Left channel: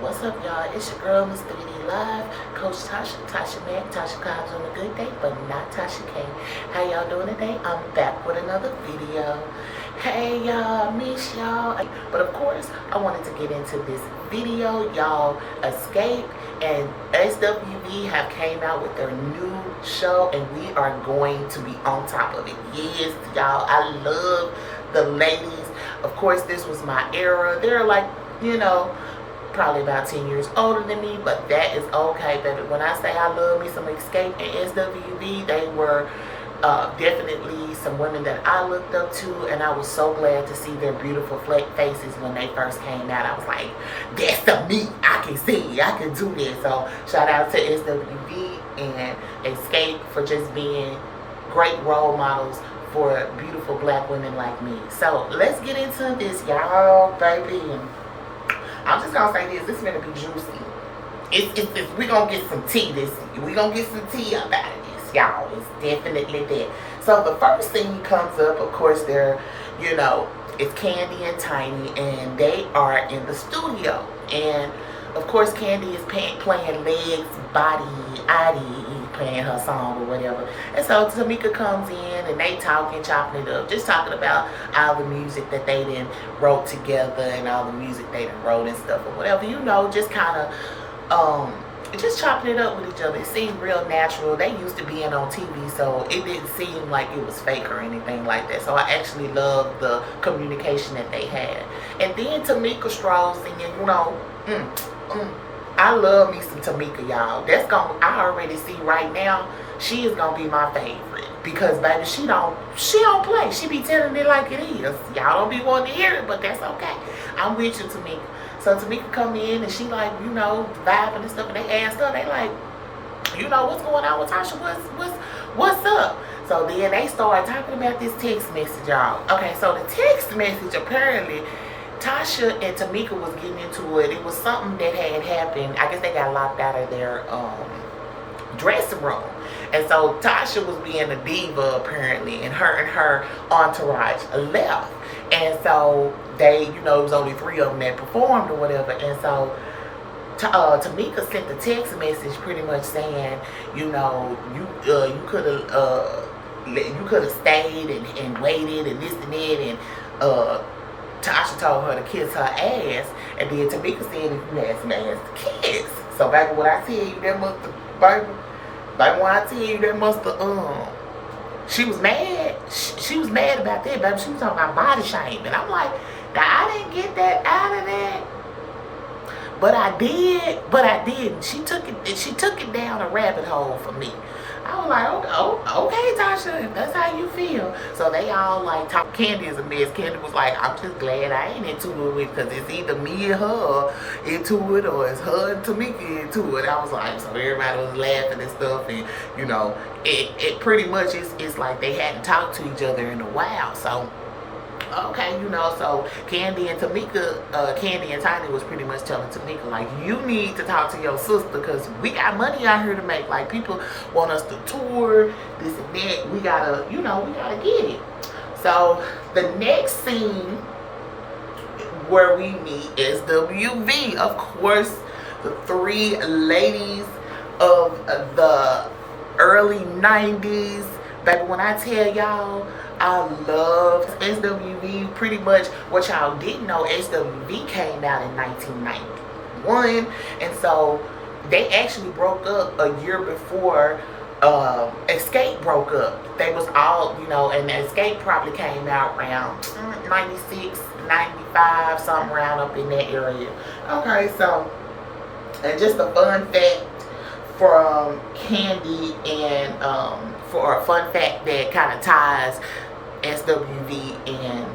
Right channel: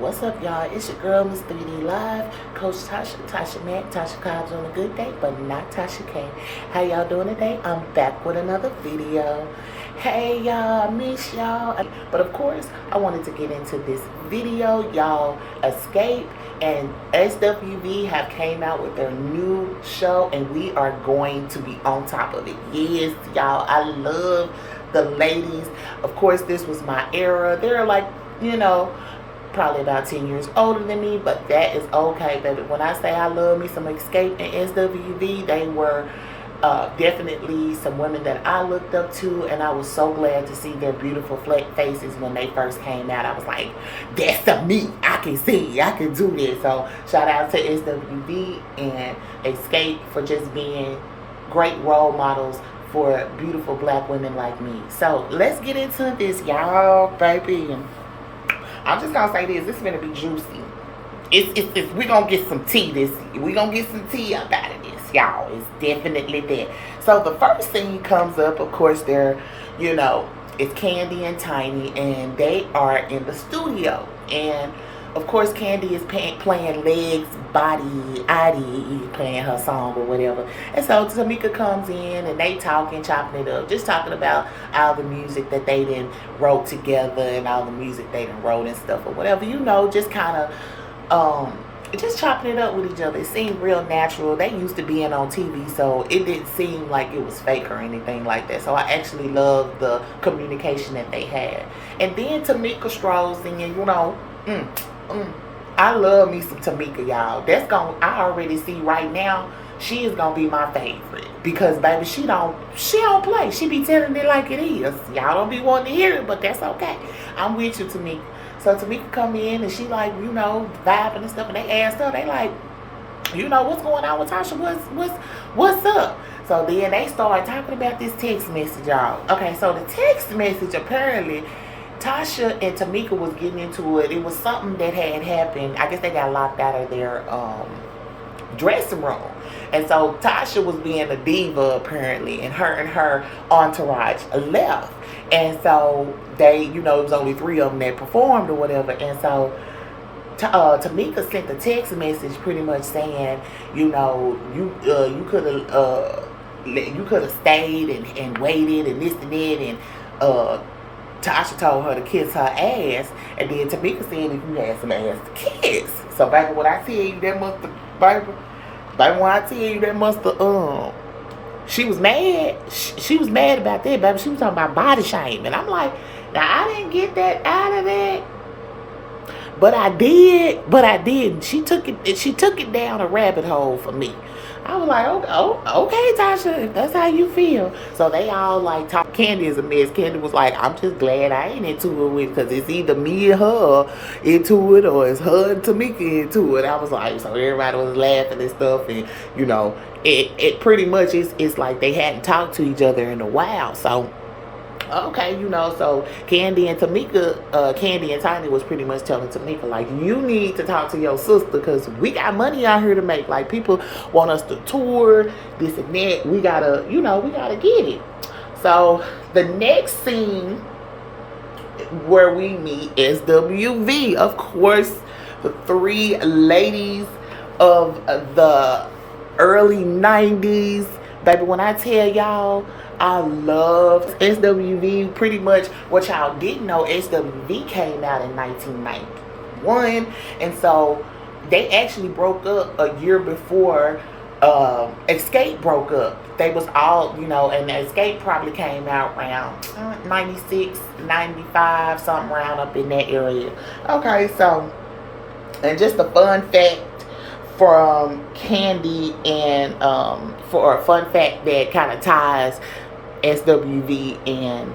What's up, y'all? It's your girl, Miss 3D Live, Coach Tasha Mack, Tasha Cobbs on a good day, but not Tasha K. How y'all doing today? I'm back with another video. Hey, y'all, miss y'all. But of course, I wanted to get into this video, y'all. Xscape and SWV have came out with their new show, and we are going to be on top of it. Yes, y'all, I love the ladies. Of course, this was my era. They're like, probably about 10 years older than me, but that is okay, baby. When I say I love me some Xscape and SWV, they were definitely some women that I looked up to, and I was so glad to see their beautiful faces when they first came out. I was like, that's the me. I can see, I can do this. So shout out to SWV and Xscape for just being great role models for beautiful black women like me. So let's get into this, y'all, baby. I'm just gonna say this is gonna be juicy. We're gonna get some tea we're gonna get some tea up out of this, y'all. It's definitely that. So the first thing comes up, of course, it's Candy and Tiny, and they are in the studio. And of course, Candy is playing legs, body, playing her song or whatever. And so Tamika comes in and they talking, chopping it up, just talking about all the music that they done wrote together and all the music they done wrote and stuff or whatever, just kind of just chopping it up with each other. It seemed real natural. They used to be on TV, so it didn't seem like it was fake or anything like that. So I actually loved the communication that they had. And then Tamika strolls in, I love me some Tamika, y'all. I already see right now she is gonna be my favorite, because baby, she don't play. She be telling it like it is. Y'all don't be wanting to hear it, but that's okay. I'm with you, Tamika. So Tamika come in and she like, vibing and stuff, and they asked her, they like, what's going on with Tasha? What's up? So then they start talking about this text message, y'all. Okay, so the text message, apparently Tasha and Tamika was getting into it. It was something that had happened. I guess they got locked out of their dressing room. And so Tasha was being a diva, apparently, and her entourage left. And so they, it was only 3 of them that performed or whatever. And so Tamika sent a text message pretty much saying, you could have stayed and waited and this and that, and Tasha told her to kiss her ass, and then Tamika said if you had some ass to kiss. So baby, when I tell you that must have, she was mad. She was mad about that, baby. She was talking about body shame, and I'm like, now I didn't get that out of that, but I didn't. She took it down a rabbit hole for me. I was like, okay, Tasha, if that's how you feel. So they all like talk. Candy is a mess. Candy was like, I'm just glad I ain't into it, because it's either me and her into it, or it's her and Tamika into it. I was like, so everybody was laughing and stuff, and it pretty much it's like they hadn't talked to each other in a while. So okay, so Candy and Tiny was pretty much telling Tamika, like, you need to talk to your sister, because we got money out here to make. Like, people want us to tour, this and that. We gotta get it. So the next scene where we meet is SWV. Of course, the 3 ladies of the early 90s. Baby, when I tell y'all, I loved SWV. Pretty much what y'all didn't know, SWV came out in 1991, and so they actually broke up a year before Xscape broke up. They was all, and Xscape probably came out around 96, 95, something around up in that area. Okay, so, and just a fun fact from Candy, and for a fun fact that kind of ties SWV and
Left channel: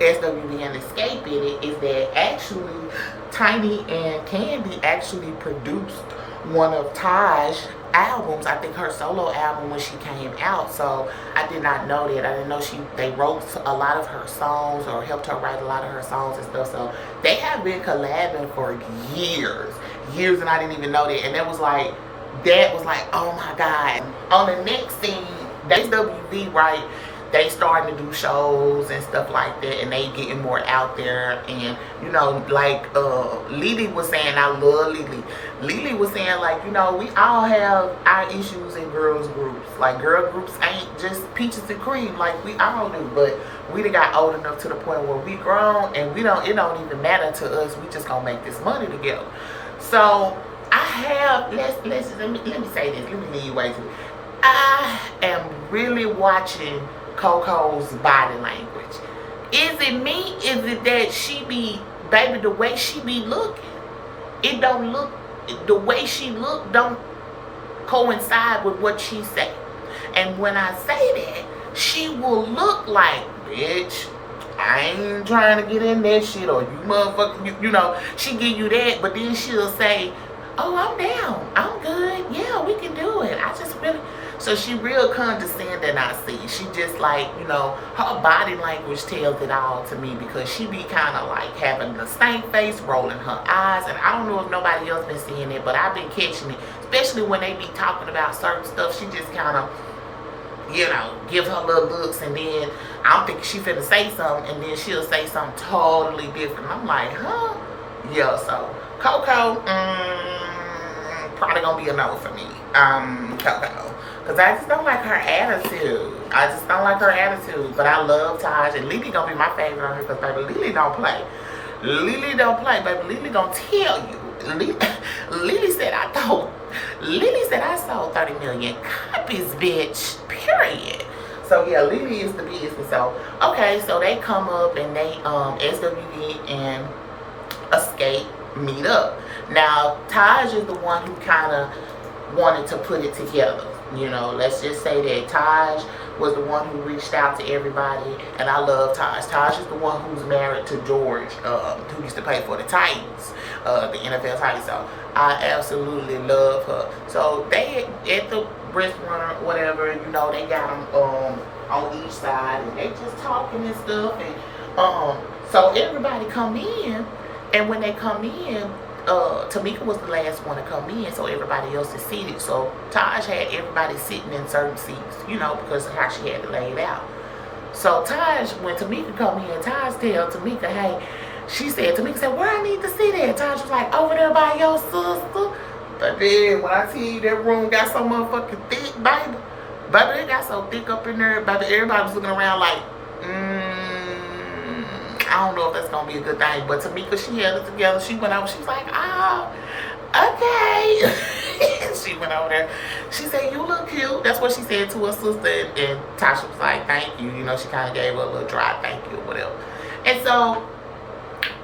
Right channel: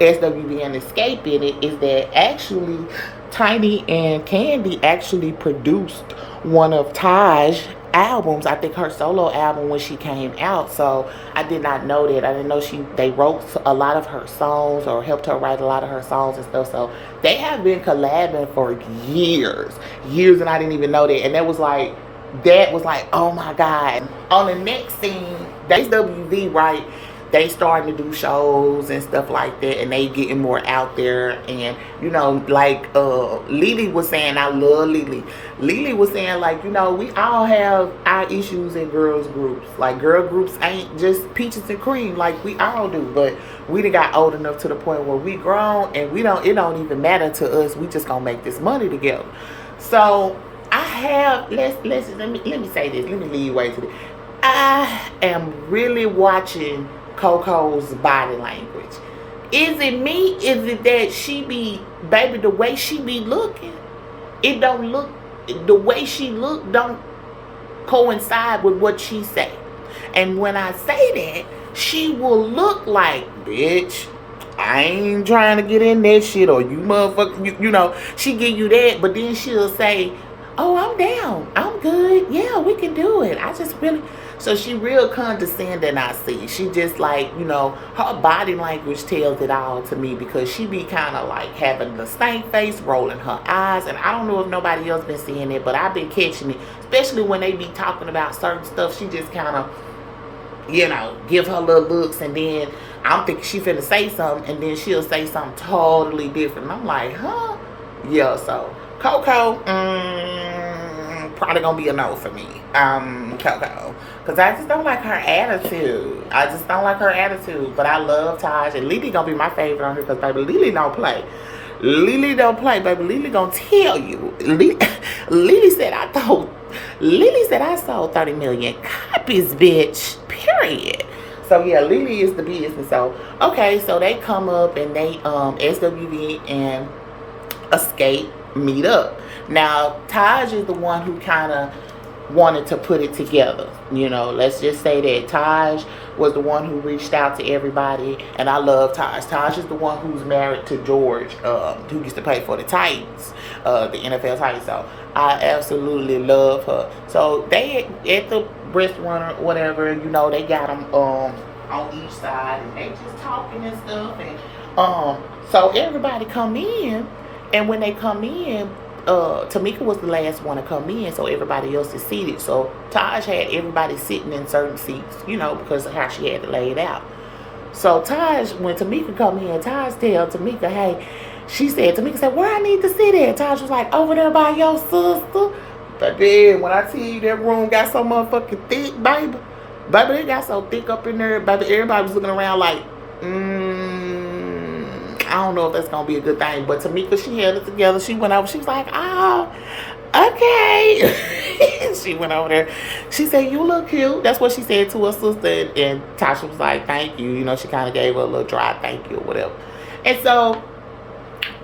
Xscape in it, is that actually Tiny and Candy actually produced one of Taj's albums. I think her solo album when she came out. So I did not know that. I didn't know they wrote a lot of her songs, or helped her write a lot of her songs and stuff. So they have been collabing for years, and I didn't even know that. And that was like, oh my God. On the next scene, SWV, right? they starting to do shows and stuff like that, and they getting more out there. And you know, like Lily was saying, I love Lily. Lily was saying, like, you know, we all have our issues in girls groups. Like, girl groups ain't just peaches and cream like we all do, but we done got old enough to the point where we grown, and it don't even matter to us. We just gonna make this money together. So I have, let me say this, let me lead way to this. I am really watching Coco's body language. Is it me? Is it that she be, baby, the way she be looking, it don't look, the way she look don't coincide with what she say. And when I say that, she will look like, bitch, I ain't trying to get in that shit, or you motherfucker, you know, she give you that, but then she'll say, oh, I'm down, I'm good, yeah, we can do it. I just really, so she real condescending, I see. She just like, you know, her body language tells it all to me, because she be kind of like having the stank face, rolling her eyes, and I don't know if nobody else been seeing it, but I've been catching it, especially when they be talking about certain stuff. She just kind of, you know, give her little looks, and then I'm thinking she finna say something, and then she'll say something totally different. I'm like, huh? Yeah, so Coco, probably gonna be a no for me. Coco. Because I just don't like her attitude. I just don't like her attitude. But I love Taj. And Lily gonna be my favorite on here, because baby, Lily don't play. Lily don't play, baby. Lily gonna tell you. Lily said I sold 30 million copies, bitch. Period. So yeah, Lily is the business. So okay, so they come up and they SWV and Xscape meet up. Now Taj is the one who kind of wanted to put it together. You know, let's just say that Taj was the one who reached out to everybody, and I love Taj. Taj is the one who's married to George, who used to play for the Titans, the NFL Titans. So I absolutely love her. So they at the restaurant, whatever, you know, they got them on each side, and they just talking and stuff, and so everybody come in, and when they come in, Tamika was the last one to come in, so everybody else is seated. So Taj had everybody sitting in certain seats, you know, because of how she had it laid out. So Taj, when Tamika come in, Taj tell Tamika, hey, Tamika said, where I need to sit at? Taj was like, over there by your sister. But then when I tell you that room got so motherfucking thick, baby, it got so thick up in there, baby, everybody was looking around like, I don't know if that's gonna be a good thing. But Tamika, she held it together. She went over. She was like, oh, okay. She went over there. She said, you look cute. That's what she said to her sister. And Tasha was like, thank you. You know, she kind of gave her a little dry thank you or whatever. And so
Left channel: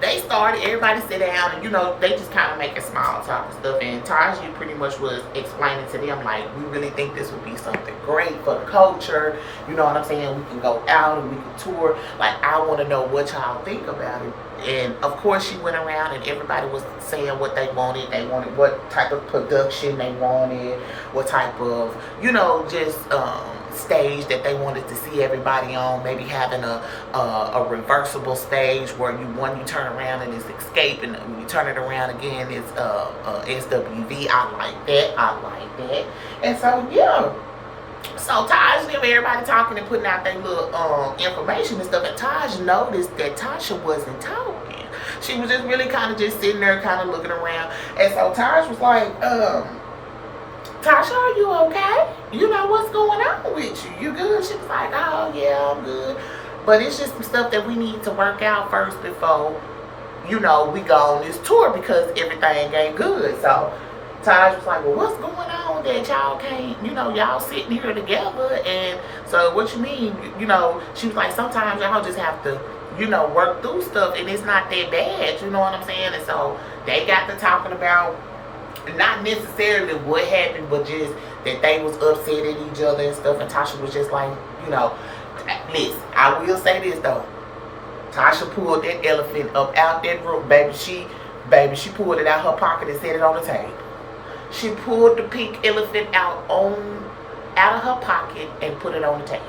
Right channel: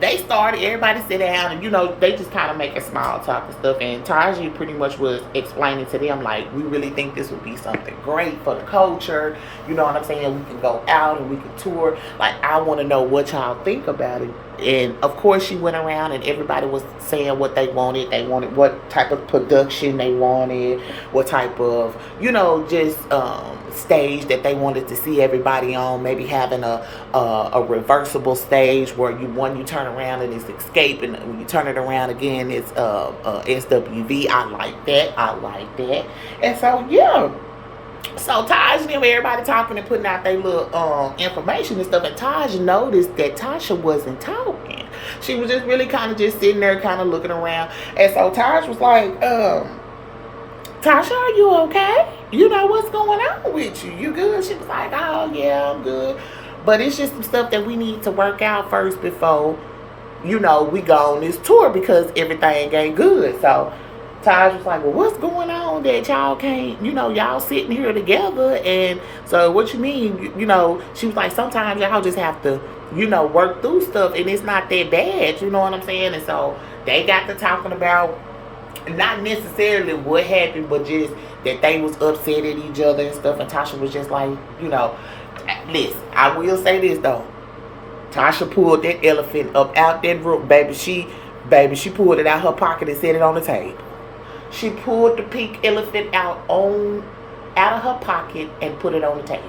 they started, everybody sit down, and you know, they just kind of making small talk and stuff. And Taji pretty much was explaining to them, like, we really think this would be something great for the culture. You know what I'm saying? We can go out and we can tour. Like, I want to know what y'all think about it. And of course, she went around and everybody was saying what they wanted. They wanted what type of production they wanted, what type of, you know, just stage that they wanted to see everybody on. Maybe having a reversible stage where you turn around and it's Xscape, and when you turn it around again, it's SWV. I like that. And so yeah. So Taj and everybody talking and putting out their little information and stuff, and Taj noticed that Tasha wasn't talking. She was just really kind of just sitting there, kind of looking around. And so Taj was like, Tasha, are you okay? You know, what's going on with you? You good? She was like, oh yeah, I'm good. But it's just some stuff that we need to work out first before, you know, we go on this tour, because everything ain't good. So Taj was like, well, what's going on that y'all can't, you know, y'all sitting here together? And so what you mean, you know, she was like, sometimes y'all just have to, you know, work through stuff, and it's not that bad, you know what I'm saying? And so they got to talking about not necessarily what happened, but just that they was upset at each other and stuff. And Tasha was just like, you know, listen, I will say this though. Tasha pulled that elephant up out that room, baby. She pulled it out her pocket and set it on the table. She pulled the pink elephant out of her pocket and put it on the table.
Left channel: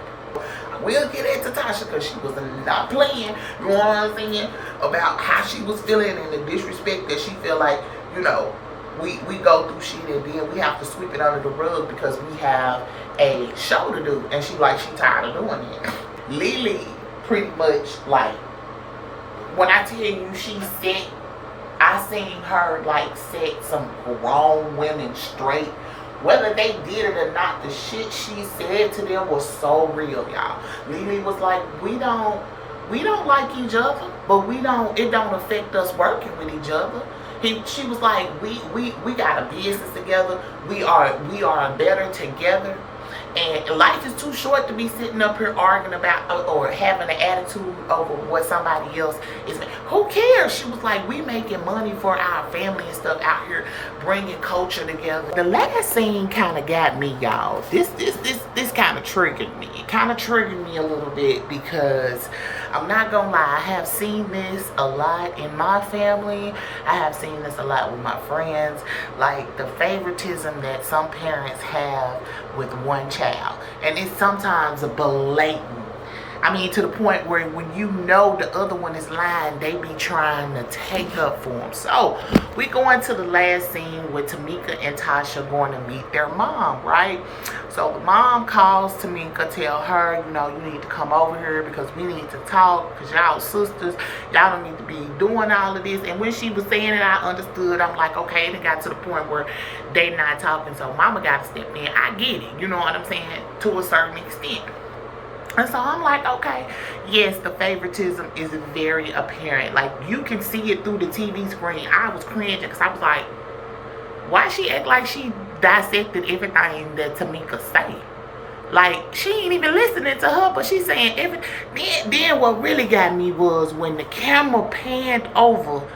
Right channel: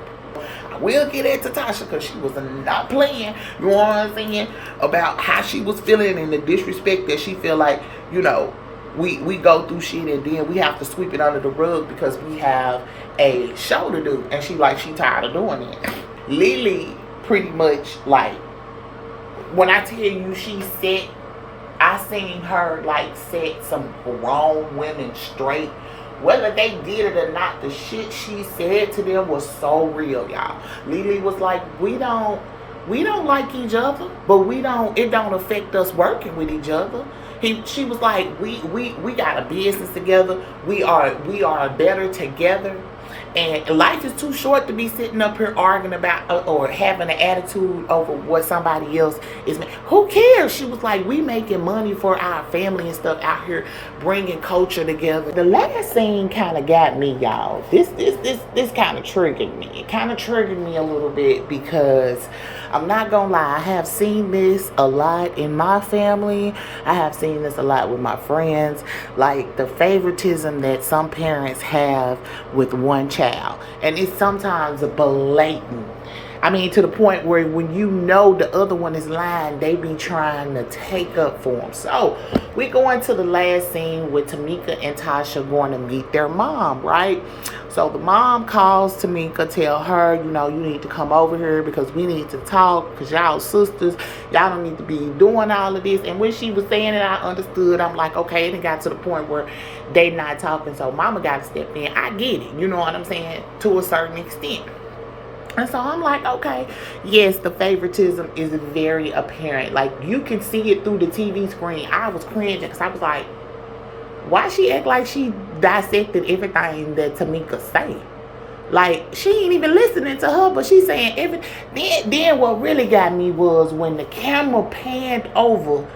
I will get into Tasha, because she was not playing, you know what I'm saying, about how she was feeling and the disrespect that she feel like, you know, we go through shit and then we have to sweep it under the rug because we have a show to do. And she tired of doing it. Lily pretty much, like, when I tell you I seen her like set some grown women straight. Whether they did it or not, the shit she said to them was so real, y'all. Lily was like, we don't like each other, but it don't affect us working with each other. She was like, we got a business together. We are better together. And life is too short to be sitting up here arguing about or having an attitude over what somebody else is. Who cares? She was like, we making money for our family and stuff out here, bringing culture together. The last scene kind of got me, y'all. This kind of triggered me. It kind of triggered me a little bit because I'm not gonna lie, I have seen this a lot in my family. I have seen this a lot with my friends. Like the favoritism that some parents have with one child. And it's sometimes a blatant. I mean, to the point where when you know the other one is lying, they be trying to take up for them. So we go into the last scene with Tamika and Tasha going to meet their mom, right? So the mom calls Tamika, tell her, you know, you need to come over here because we need to talk because y'all sisters, y'all don't need to be doing all of this. And when she was saying it, I understood. I'm like, okay, it got to the point where they not talking. So mama got to step in. I get it. You know what I'm saying? To a certain extent. And so I'm like, okay, yes, the favoritism is very apparent. Like, you can see it through the TV screen. I was cringing because I was like, why she act like she dissected everything that Tamika say? Like, she ain't even listening to her, but she's saying everything. Then what really got me was when the camera panned over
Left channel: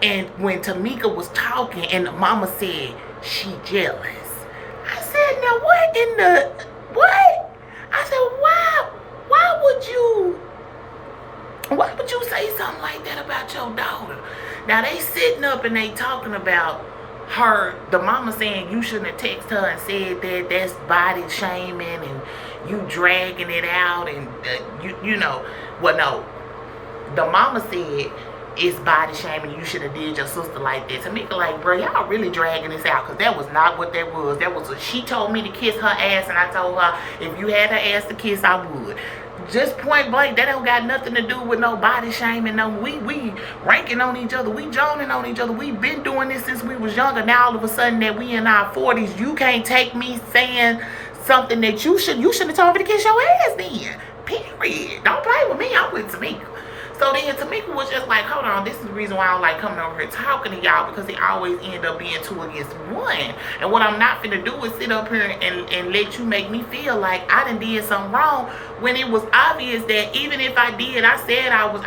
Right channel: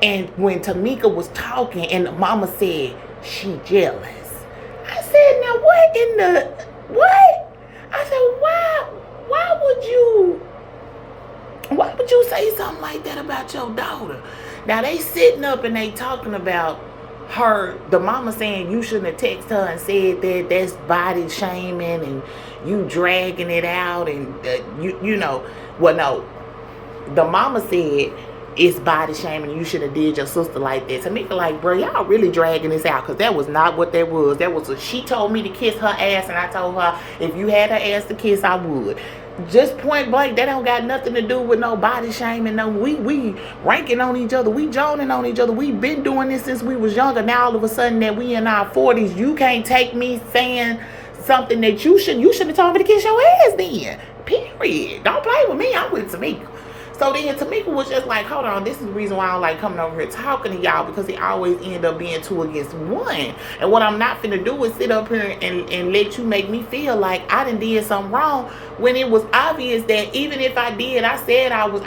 and when Tamika was talking and the mama said, she jealous. I said, now what in the, what? I said, why would you say something like that about your daughter? Now they sitting up and they talking about her, the mama saying you shouldn't have texted her and said that that's body shaming and you dragging it out and you know, well, no, the mama said it's body shaming, you should have did your sister like that. Tamika like, bro, y'all really dragging this out because that was not what that was. She told me to kiss her ass and I told her if you had her ass to kiss, I would. Just point blank, that don't got nothing to do with no body shaming. No, we ranking on each other. We joning on each other. We've been doing this since we was younger. Now all of a sudden that we in our 40s, you can't take me saying something that you shouldn't have told me to kiss your ass then. Period. Don't play with me. I'm with Tamika. So then Tamika was just like, hold on, this is the reason why I like coming over here talking to y'all, because it always end up being 2 against 1. And what I'm not finna do is sit up here and let you make me feel like I done did something wrong when it was obvious that even if I did, I said I'm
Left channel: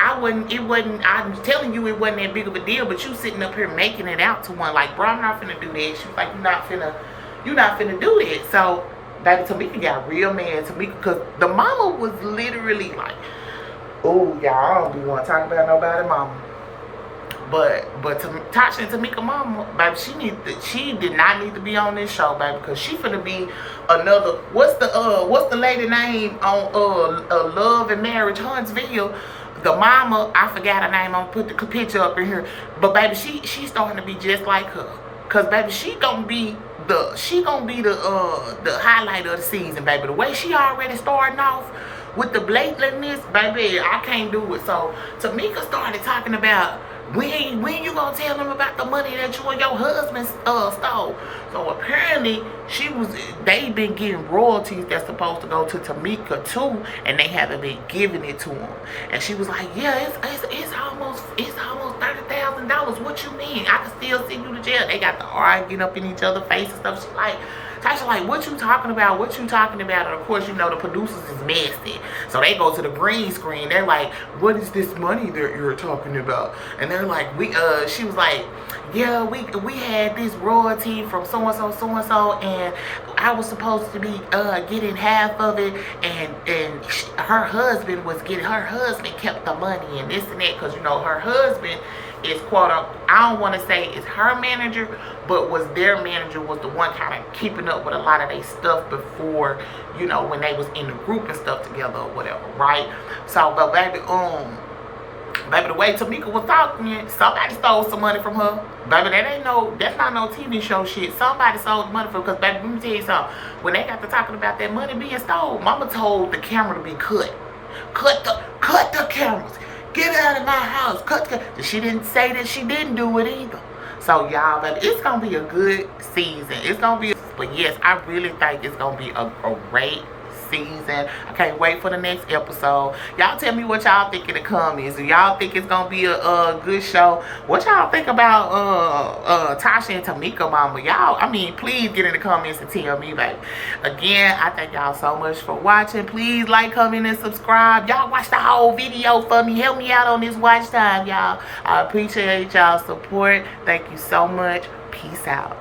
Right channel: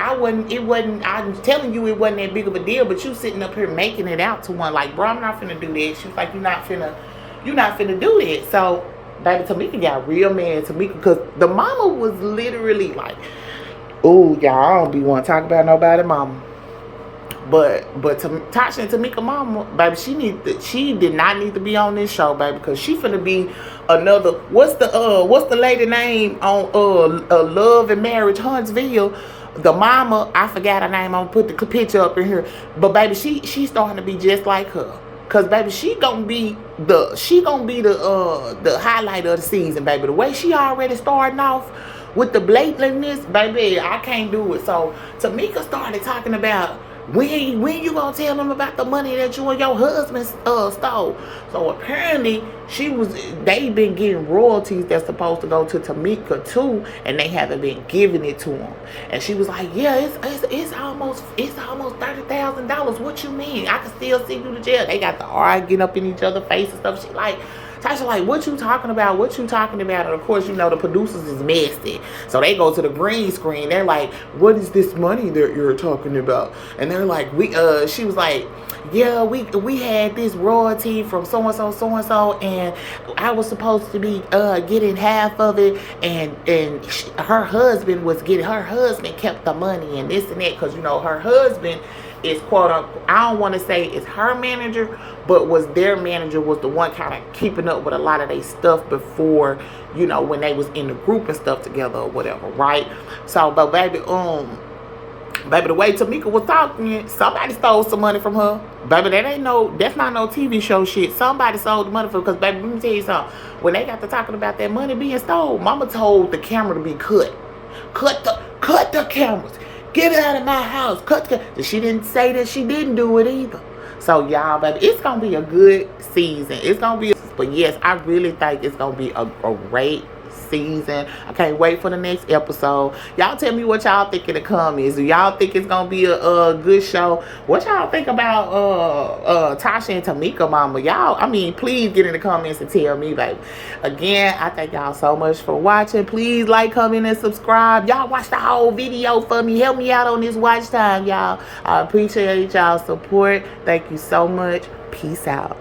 telling you it wasn't that big of a deal, but you sitting up here making it out to one. Like, bro, I'm not finna do that. She was like, you're not finna do that. So baby, Tamika got real mad. Tamika, because the mama was literally like, ooh, y'all, I don't be want to talk about nobody mama. But Tasha and Tamika mama, baby, she did not need to be on this show, baby, because she finna be another, what's the lady name on Love and Marriage Huntsville? The mama, I forgot her name, I'm gonna put the picture up in here. But baby, she starting to be just like her. Cause baby, she gonna be the highlight of the season, baby. The way she already starting off with the blatantness, baby, I can't do it. So Tamika started talking about when you gonna tell them about the money that you and your husband stole. So apparently they been getting royalties that's supposed to go to Tamika too, and they haven't been giving it to them. And she was like, yeah, it's almost $30,000. What you mean? I can still send you to jail. They got to arguing up in each other's face and stuff. She like, Tasha like, what you talking about? What you talking about? And of course, you know, the producers is messy. So they go to the green screen. They're like, what is this money that you're talking about? And they're like, she was like, yeah, we had this royalty from so-and-so, and I was supposed to be getting half of it, and her husband kept the money and this and that, because, you know, her husband is quote unquote, I don't want to say it's her manager, but was their manager, was the one kind of keeping up with a lot of their stuff before, you know, when they was in the group and stuff together or whatever, right? So, but baby, the way Tamika was talking, somebody stole some money from her. Baby, that's not no TV show shit. Somebody stole the money from her, because baby, let me tell you something. When they got to talking about that money being stole, mama told the camera to be cut. Cut the cameras. Get out of my house. Cut the. She didn't say that she didn't do it either. So y'all, baby, it's gonna be a good season. It's gonna be, but yes, I really think it's gonna be a great season. I can't wait for the next episode. Y'all tell me what y'all think in the comments. Do y'all think it's gonna be a good show? What y'all think about Tasha and Tamika mama? Y'all, I mean, please get in the comments and tell me, baby. Again, I thank y'all so much for watching. Please like, comment, and subscribe. Y'all watch the whole video for me. Help me out on this watch time, y'all. I appreciate y'all support. Thank you so much. Peace out.